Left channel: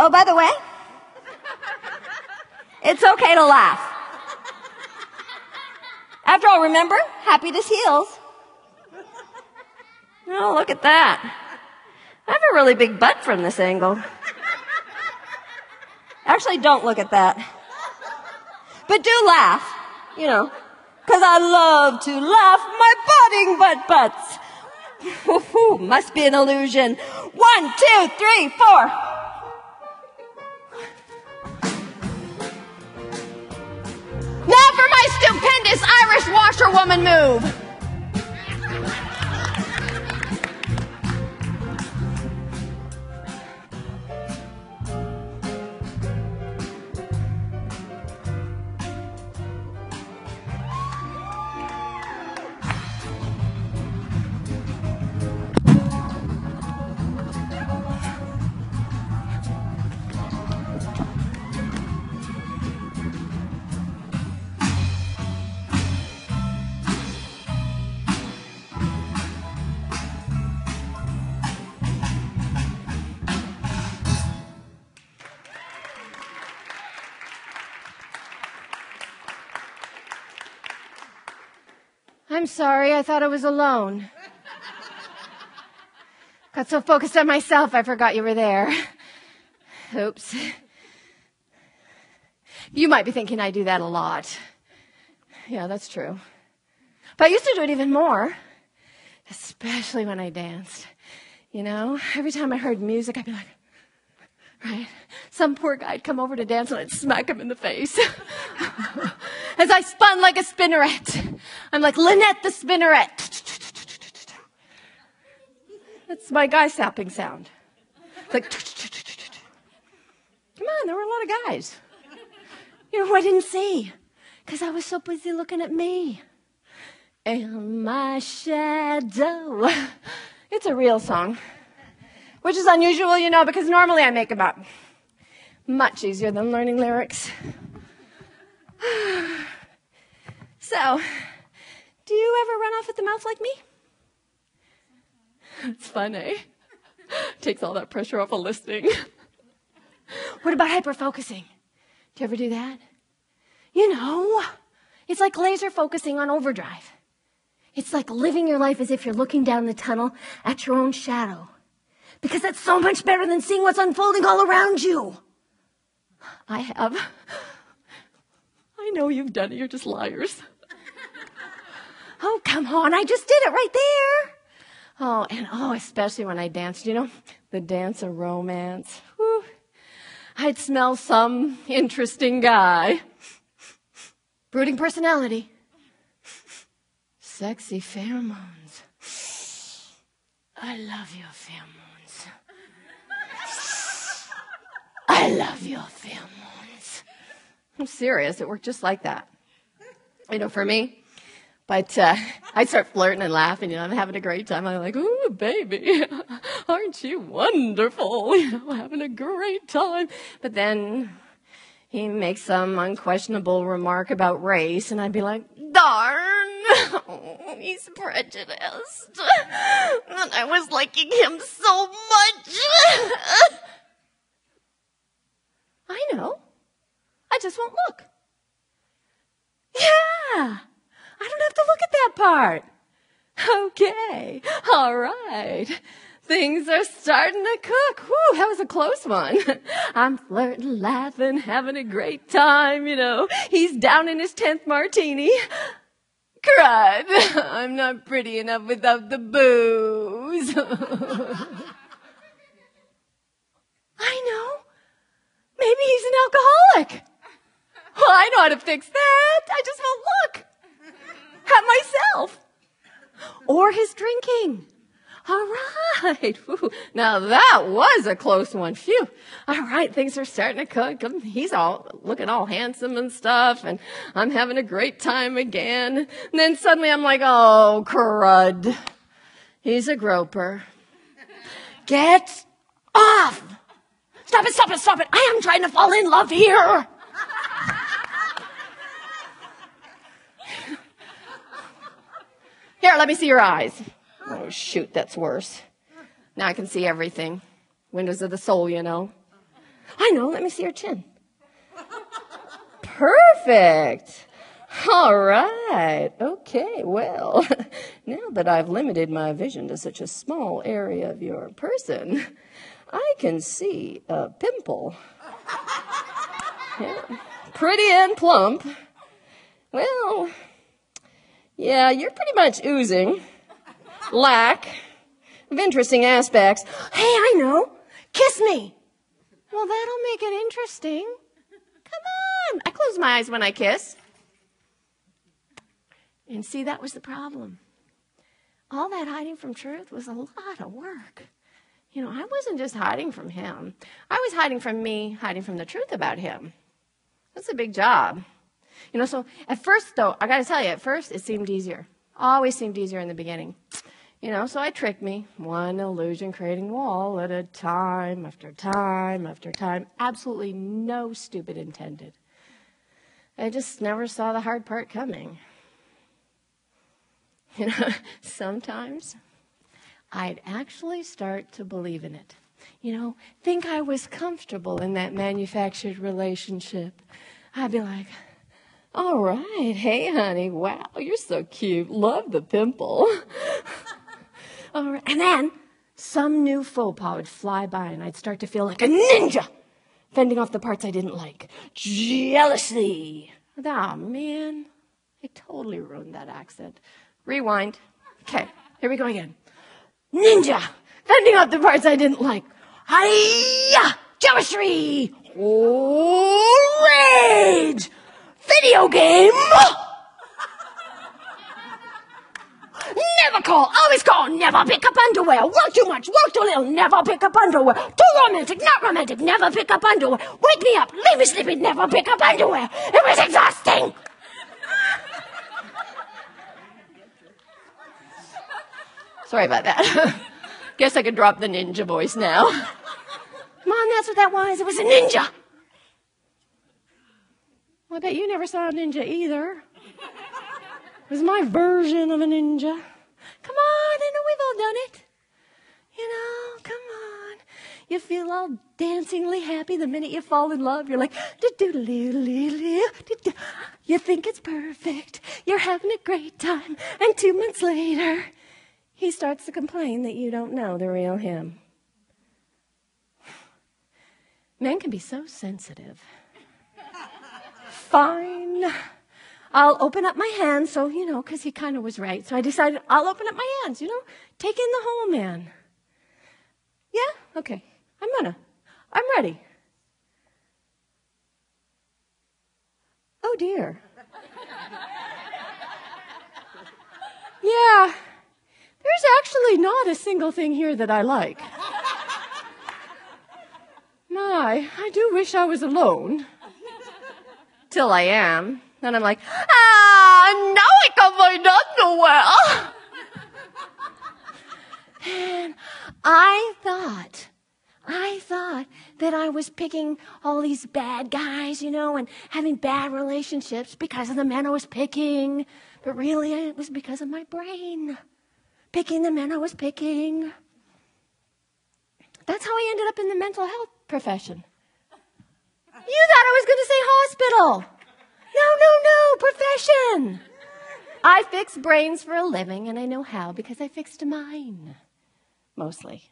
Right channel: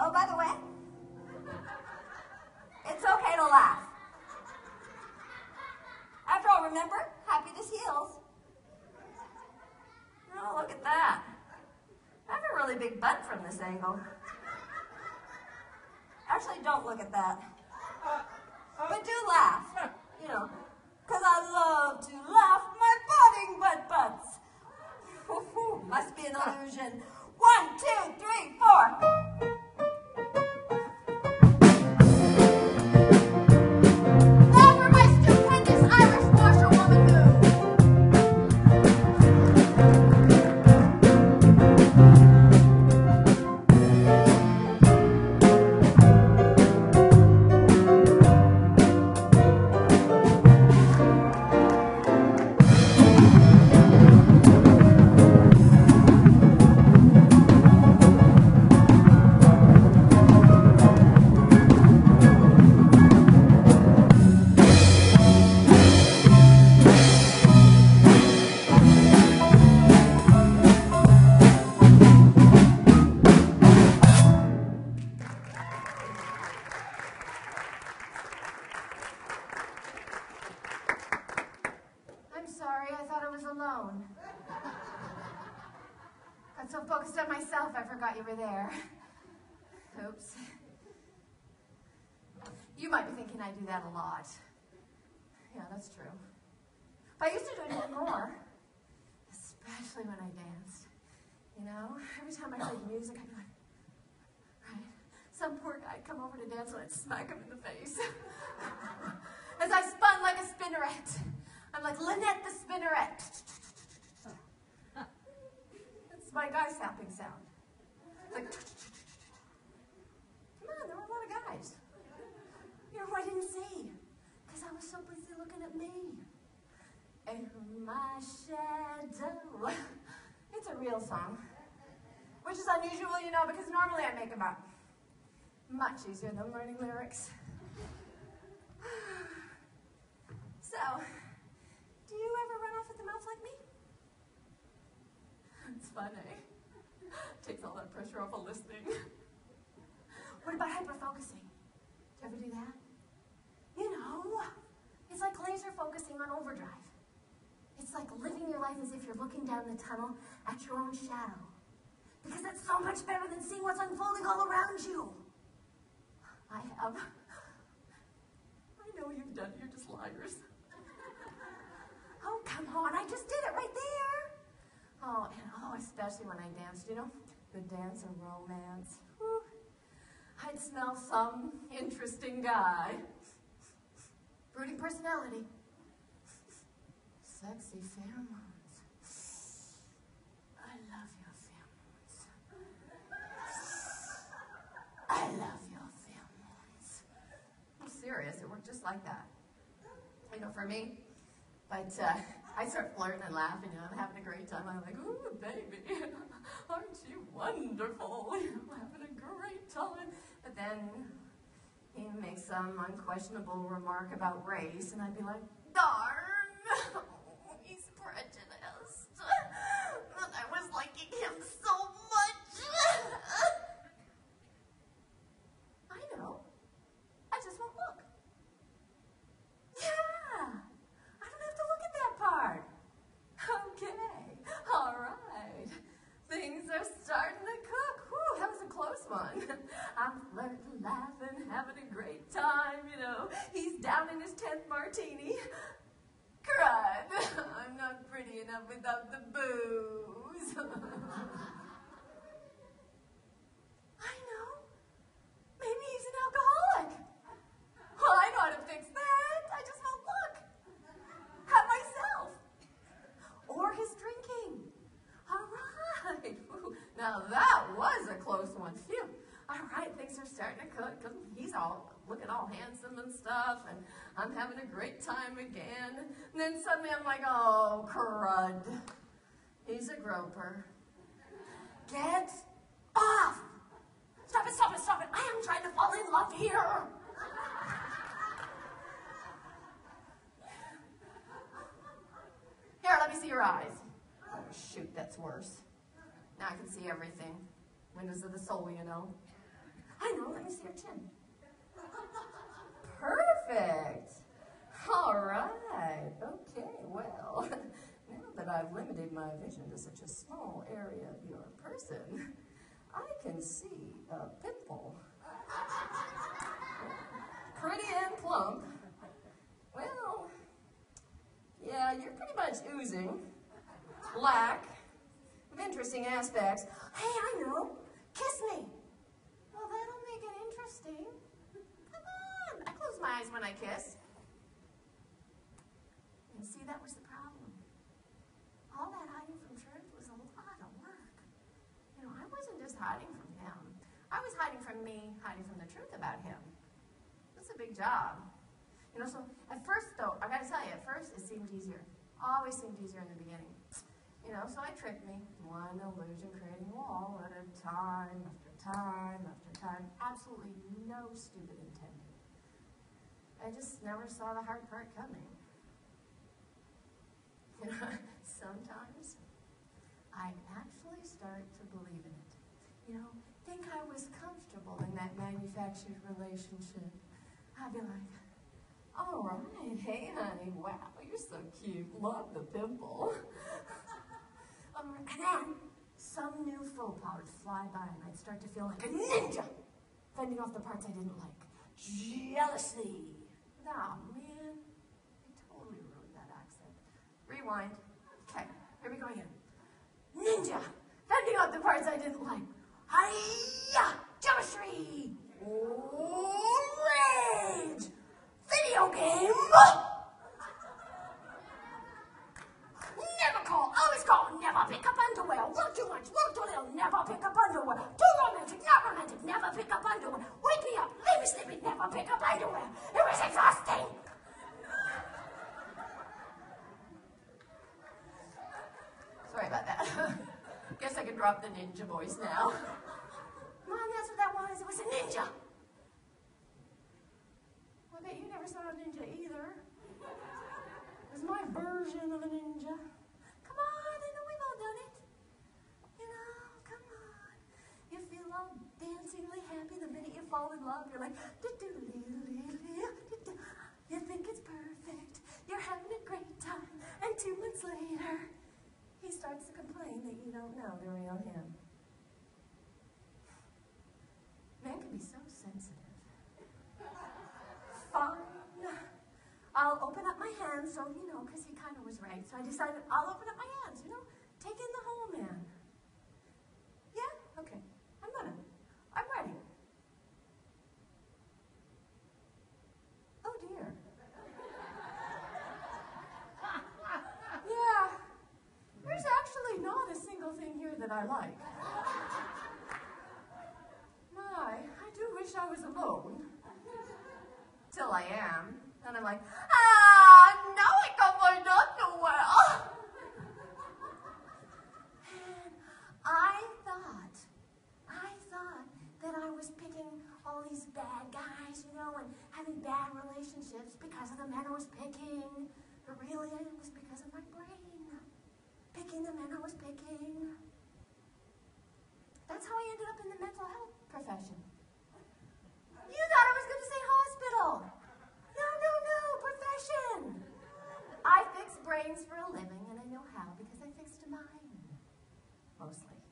Oh, by the way, it's okay to laugh. After all, remember, happiness heals. Oh, look at that. I have a really big butt from this angle. Actually, don't look at that. But do laugh, you know, because I love to laugh my budding butts. Must be an illusion. 1, 2, 3, 4. Now for my stupendous Irish washerwoman move. I'm sorry, I thought I was alone. Got so focused on myself, I forgot you were there. Oops. You might be thinking I do that a lot. Yeah, that's true. But I used to do it even more, especially when I danced. You know, every time I heard music, I'd be like, right? Some poor guy'd come over to dance and I'd smack him in the face. As I spun like a spinneret. I'm like Lynette the spinneret. That's my guy sapping sound. It's like, come on, there were a lot of guys. You know who I didn't see? Because I was so busy looking at me. And my shadow. It's a real song. Which is unusual, you know, because normally I make them up. Much easier than learning lyrics. So, do you ever run off at the mouth like me? It's fun, eh? Takes all that pressure off of listening. What about hyper-focusing? Do you ever do that? You know, it's like laser focusing on overdrive. It's like living your life as if you're looking down the tunnel at your own shadow. Because that's so much better than seeing what's unfolding all around you. I have. I know you've done it. You're just liars. Oh, come on. I just did it right there. Oh, especially when I danced, you know, the dance of romance. Whew. I'd smell some interesting guy. Brooding personality. Sexy pheromones. I love your pheromones. I love your pheromones. I'm serious. It worked just like that. You know, for me. But I'd start flirting and laughing. You know, I'm having a great time. I'm like, ooh, baby, aren't you wonderful? You know, having a great time. But then he makes some unquestionable remark about race, and I'd be like, darn, he's prejudiced. And I was liking him so much. I know. I just won't look. Yeah. I don't have to look at that part. Okay. All right. Things are starting to cook. Whew, that was a close one. I'm flirting, laughing, having a great time, you know. He's down in his 10th martini. Crud. I'm not pretty enough without the booze. I know. Maybe he's an alcoholic. Well, I know how to fix that. I just won't look at myself or his drinking. All right. Whew. Now that was a close one. Phew. All right. Things are starting to cook. He's all looking all handsome and stuff, and I'm having a great time again. And then suddenly I'm like, oh, crud. He's a groper. Get off. Stop it, stop it, stop it. I am trying to fall in love here. Here, let me see your eyes. Oh, shoot, that's worse. Now I can see everything. Windows of the soul, you know. I know, let me see your chin. Perfect. All right. Okay, well, now that I've limited my vision to such a small area of your person, I can see a pimple. Yeah, pretty and plump. Well, yeah, you're pretty much oozing lack of interesting aspects. Hey, I know. Kiss me. Well, that'll make it interesting. Come on. I close my eyes when I kiss. And see, that was the problem. All that hiding from truth was a lot of work. You know, I wasn't just hiding from him. I was hiding from me, hiding from the truth about him. That's a big job. You know, so at first, though, I got to tell you, at first it seemed easier. Always seemed easier in the beginning. You know, so I tricked me, one illusion-creating wall at a time after time after time. Absolutely no stupid intended. I just never saw the hard part coming. You know, sometimes I'd actually start to believe in it. You know, think I was comfortable in that manufactured relationship. I'd be like, all right, hey, honey, wow, you're so cute. Love the pimple. All right. And then some new faux pas would fly by, and I'd start to feel like a ninja, fending off the parts I didn't like. Jealousy. Oh, man, I totally ruined that accent. Rewind. Okay, here we go again. Ninja, fending off the parts I didn't like. Hi-ya! Jealousy! Rage! Video game! Never call, always call, never pick up underwear. Work too much, work too little, never pick up underwear. Too romantic, not romantic, never pick up underwear. Wake me up, leave me sleeping, never pick up underwear. It was exhausting. Sorry about that. Guess I could drop the ninja voice now. Mom, that's what that was. It was a ninja. Well, I bet you never saw a ninja either. It was my version of a ninja. Come on, I know we've all done it. You know, come on. You feel all dancingly happy the minute you fall in love. You're like, do-do-do-do-do-do. You think it's perfect. You're having a great time. And 2 months later, he starts to complain that you don't know the real him. Men can be so sensitive. Fine. I'll open up my hands, so, you know, because he kind of was right. So I decided I'll open up my hands, you know, take in the whole man. Yeah? Okay. I'm ready. Oh, dear. Yeah. There's actually not a single thing here that I like. My, I do wish I was alone. Till I am. Then I'm like, now I can find underwear. And I thought that I was picking all these bad guys, you know, and having bad relationships because of the men I was picking. But really, it was because of my brain. Picking the men I was picking. That's how I ended up in the mental health profession. You thought I was going to say hospital. No, profession. I fix brains for a living, and I know how because I fixed mine. Mostly.